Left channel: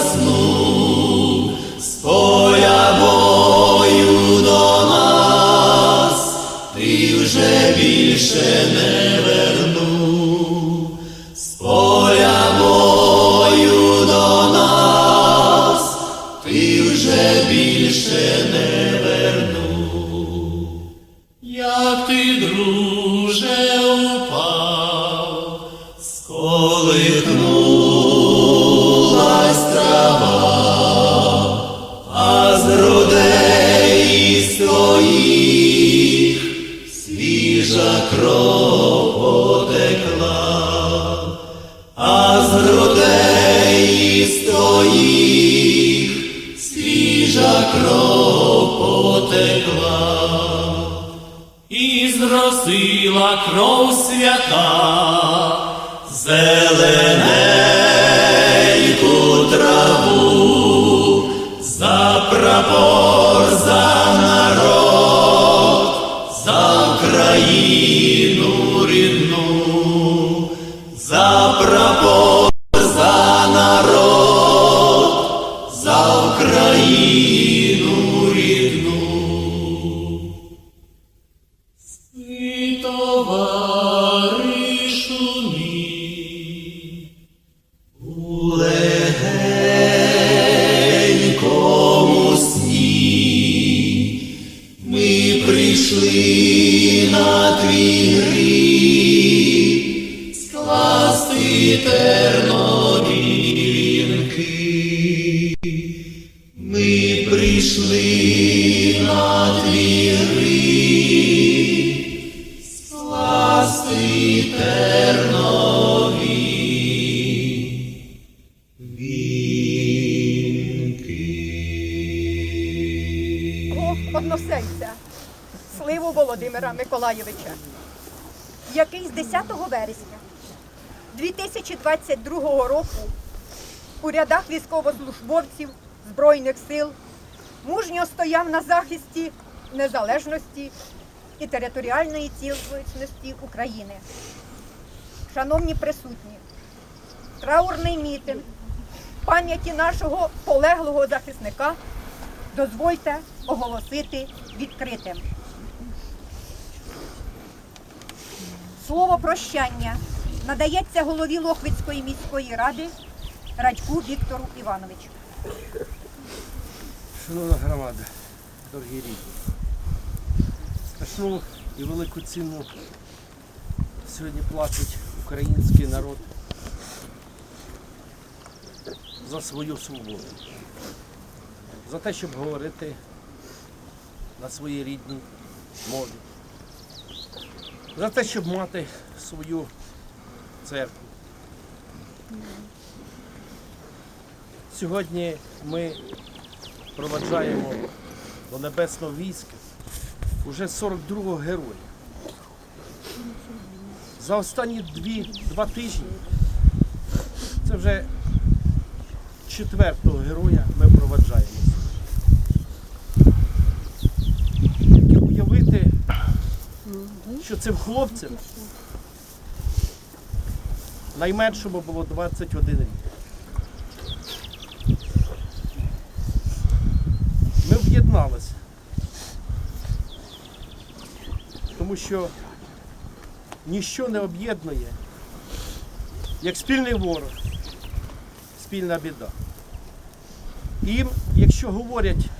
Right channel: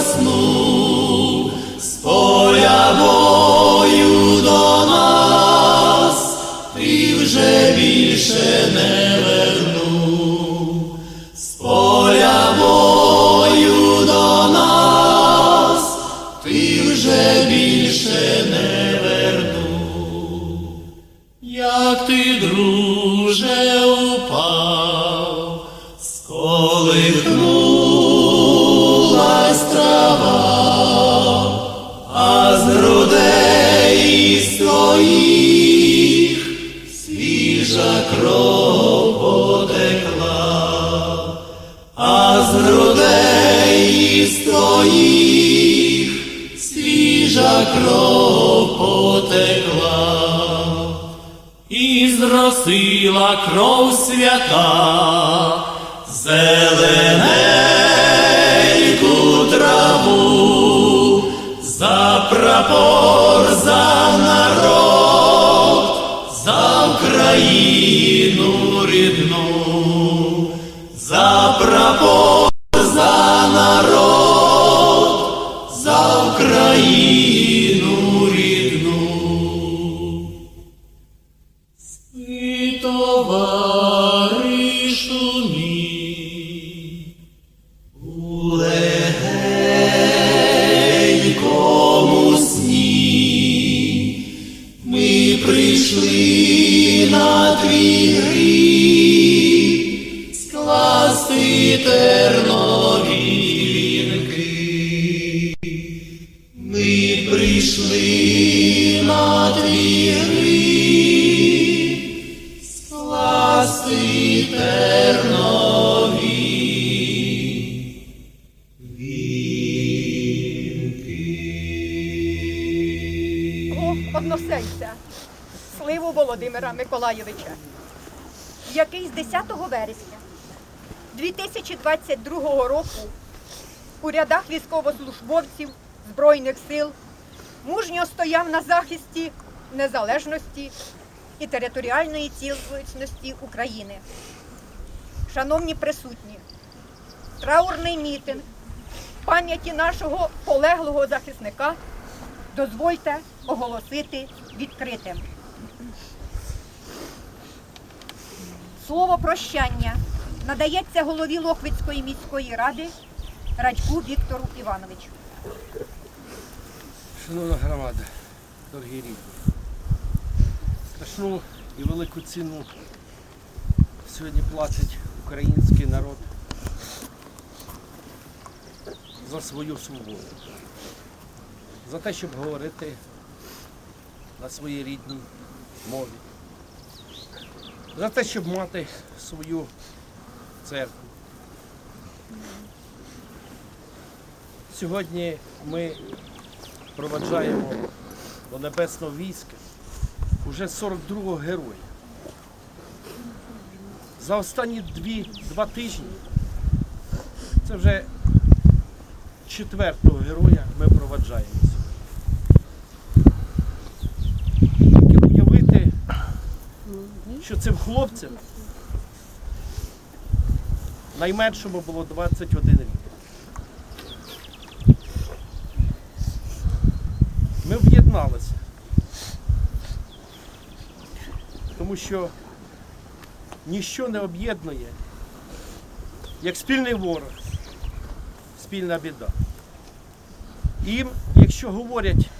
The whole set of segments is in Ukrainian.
заснув з поля до нас, ти вже більше не вернув, з поля до нас, ти вже більше не вернув, як ти, друже, упав, сколихнув. Кров потекла, а з грудей своїх свіжа кров потекла. І зросила кров свята, зелененьку траву, за прапор, за народ, Україну рідну, за прапор, за народ, за Україну односельця, сливу Володимира Миколайовича, який з 10 вересня 2022 року у рядах військовослужбовців Збройних сил мужньо стояв на захисті незалежності і територіальної цілісності України. Шановні присутні, траурний мітинг пам'яті нашого полеглого захисника дозвольте оголосити відкритим. Слово прощання надається голові Лохвицької міської ради Радьку Віктору Івановичу. Шановна громада, дорогі рідні, страшну і велику ціну сьогодні платить український народ за свою свободу, за те, щоб говорити на своїй рідній мові, за те, щоб мати свою церкву. Сьогодні ми проваджаємо до небесного війська уже 42-го героя. За останні дві, два тижні це вже четвертого героя ми проваджаємо. Що цим хлопцям найменшому було 21 рік. Ми об'єдналися. Тому що ніщо не об'єднує, як спільний ворог, спільна біда. І Їм, якщо говорять,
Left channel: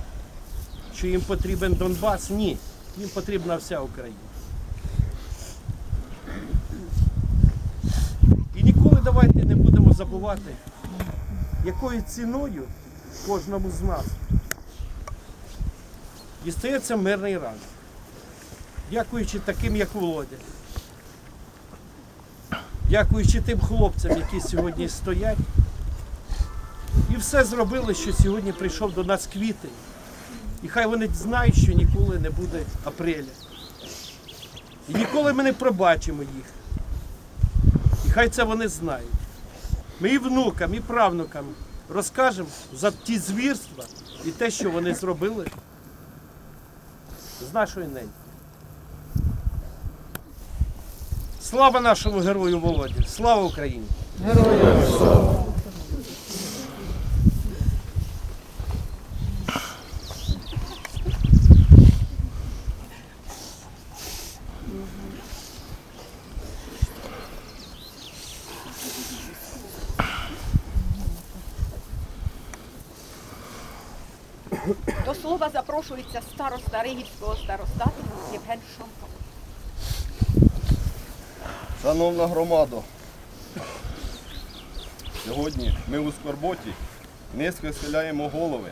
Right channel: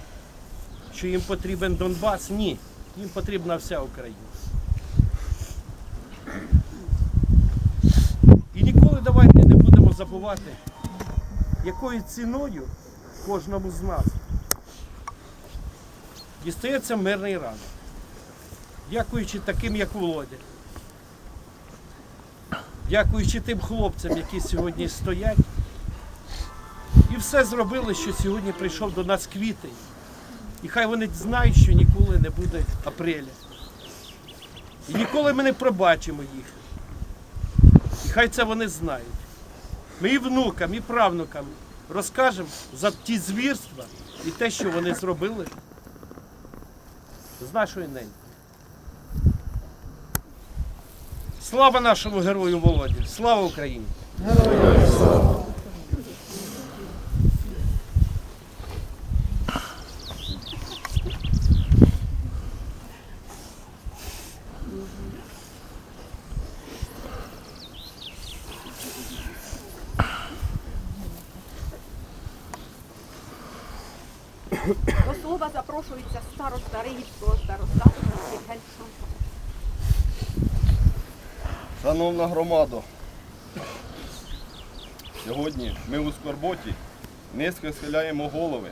що їм потрібен Донбас, ні, їм потрібна вся Україна. Ніколи давайте не будемо забувати, якою ціною кожному з нас дістається мирний ранок. Дякуючи таким, як Володя. Дякуючи тим хлопцям, які сьогодні стоять. І все зробили, що сьогодні прийшов до нас квітень. І хай вони знають, що ніколи не буде апреля. І ніколи ми не пробачимо їх. Хай це вони знають. Ми і внукам, і правнукам розкажемо за ті звірства і те, що вони зробили з нашої неньки. Слава нашому герою Володі! Слава Україні! До запрошується староста Ригівського старостату Євген Шомко. Шановна громадо, сьогодні ми у скорботі низько схиляємо голови.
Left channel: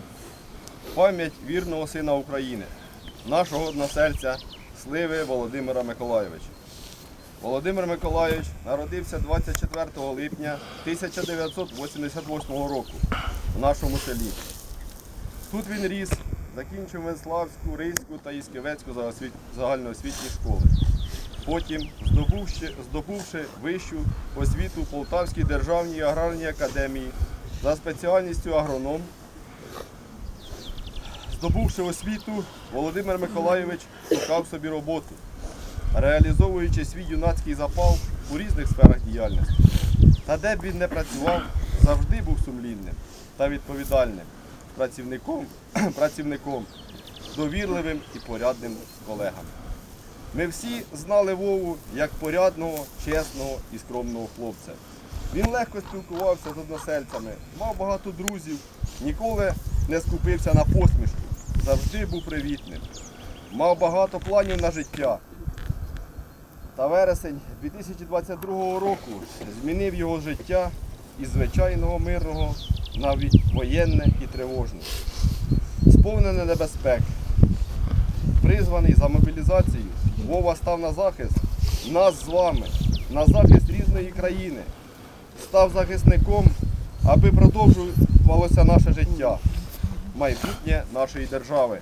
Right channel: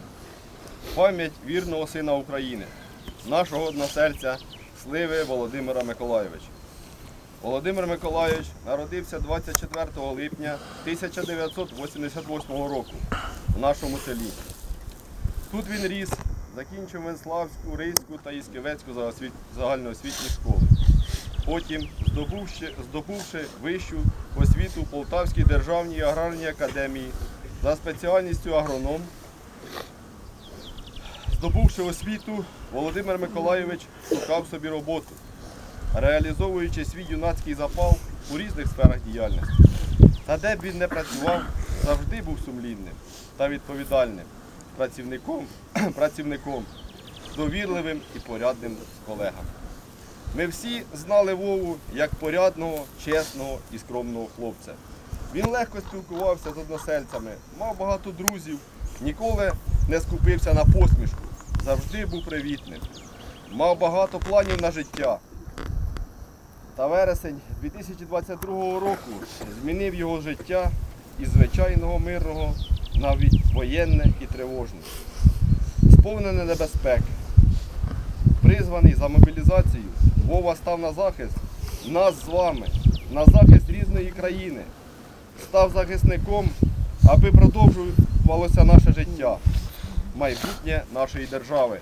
Пам'ять вірного сина України, нашого односельця Сливи Володимира Миколайовича. Володимир Миколайович народився 24 липня 1988 року в нашому селі. Тут він ріс, закінчив Венславську, Ризьку та Ісківецьку загальноосвітні школи. Потім, здобувши, здобувши вищу освіту в Полтавській державній аграрній академії за спеціальністю агроном, здобувши освіту, Володимир Миколайович шукав собі роботу, реалізовуючи свій юнацький запал у різних сферах діяльності. Та де б він не працював, завжди був сумлінним та відповідальним працівником, працівником довірливим і порядним з колегами. Ми всі знали Вову як порядного, чесного і скромного хлопця. Він легко спілкувався з односельцями, мав багато друзів, ніколи не скупився на посмішку, завжди був привітним. Мав багато планів на життя. Та вересень 2022 року змінив його життя із звичайного мирного на ві- воєнне і тривожне, сповнене небезпек, призваний за мобілізацію, Вова став на захист нас з вами, на захист різної країни. Став захисником, аби продовжувалося наше життя, майбутнє нашої держави.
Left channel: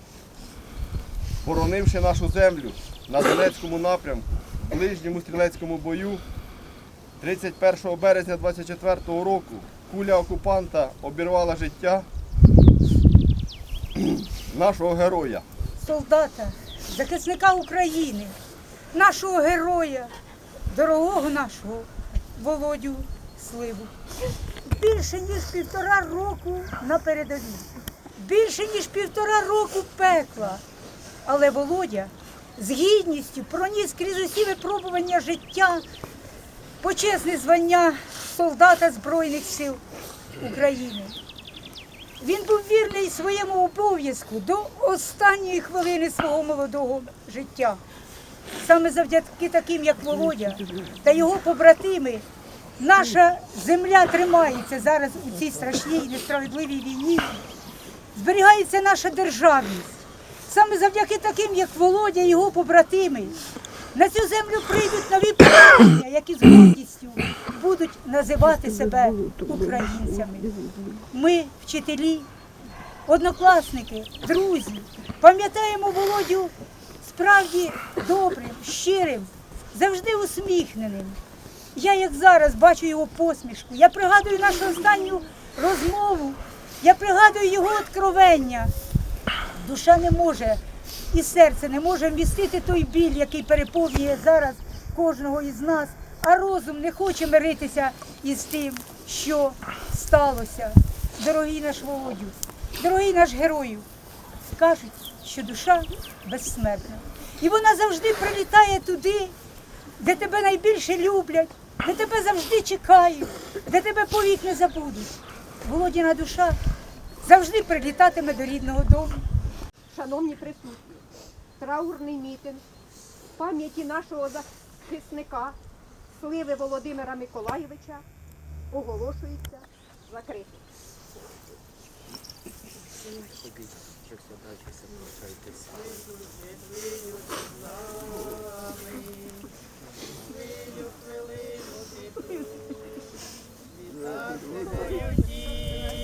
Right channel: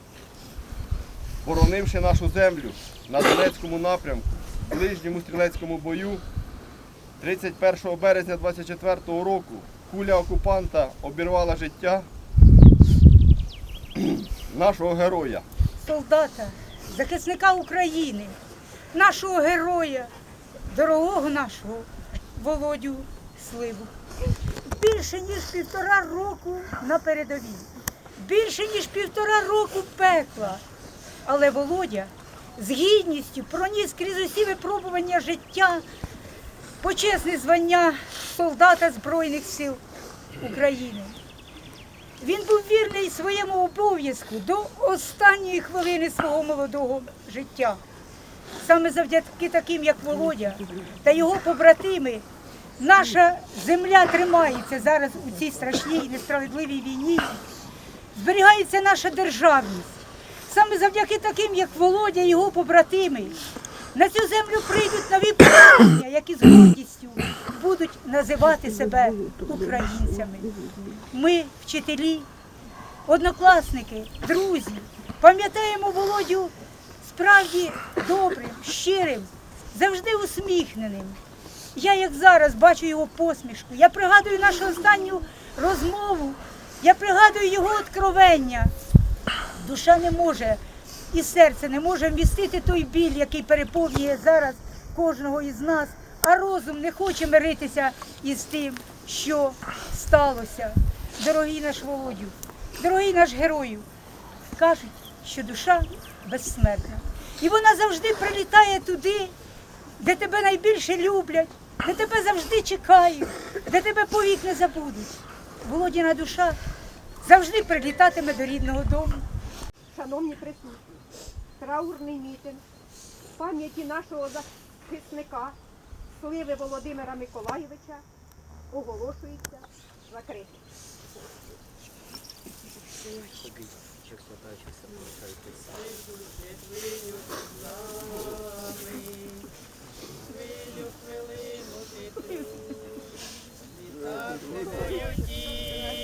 Боронивши нашу землю на Донецькому напрямку, в ближньому стрілецькому бою, 31 березня 24 року куля окупанта обірвала життя нашого героя. солдата, захисника України, нашого героя, дорогого нашого Володю Сливу. Більше ніж півтора року на передовій, більше ніж півтора року пекла. Але Володя з гідністю проніс крізь усі випробування життя почесне звання солдата Збройних сил України. Він був вірний своєму обов'язку до останньої хвилини свого молодого життя. Саме завдяки таким, як Володя та його побратими, наша земля тримається зараз у цій страшній і несправедливій війні. Зберігається наша державність. Саме завдяки таким, як Володя і його побратими, на цю землю прийдуть нові покоління, які з гордістю будуть називати себе українцями. Ми, вчителі, однокласники, друзі, пам'ятаємо Володю справді добрим, щирим, завжди усміхненим. Я, як зараз, бачу його посмішку. Я пригадую нашу останню розмову, я пригадую його откровення. Душа не може і серце не може вмістити той біль, який переповнює зараз кожного із нас, а розум не хоче миритися із тим, що сталося. Дорогий наш Володю, дорогий наш герою, кажуть, що душа безсмертна. І вона завжди прилітає туди, де тебе найбільше люблять, де тебе завжди чекають, де тебе повік не забудуть. Володіна душа завжди прилітатиме до рідного дому. Шановні присутні, траурний мітинг в пам'яті нашого захисника сливи Володимира Миколаєвича оголошується закритим. Ходіть, що сядачився, прощайтеся. Вітаю, діло.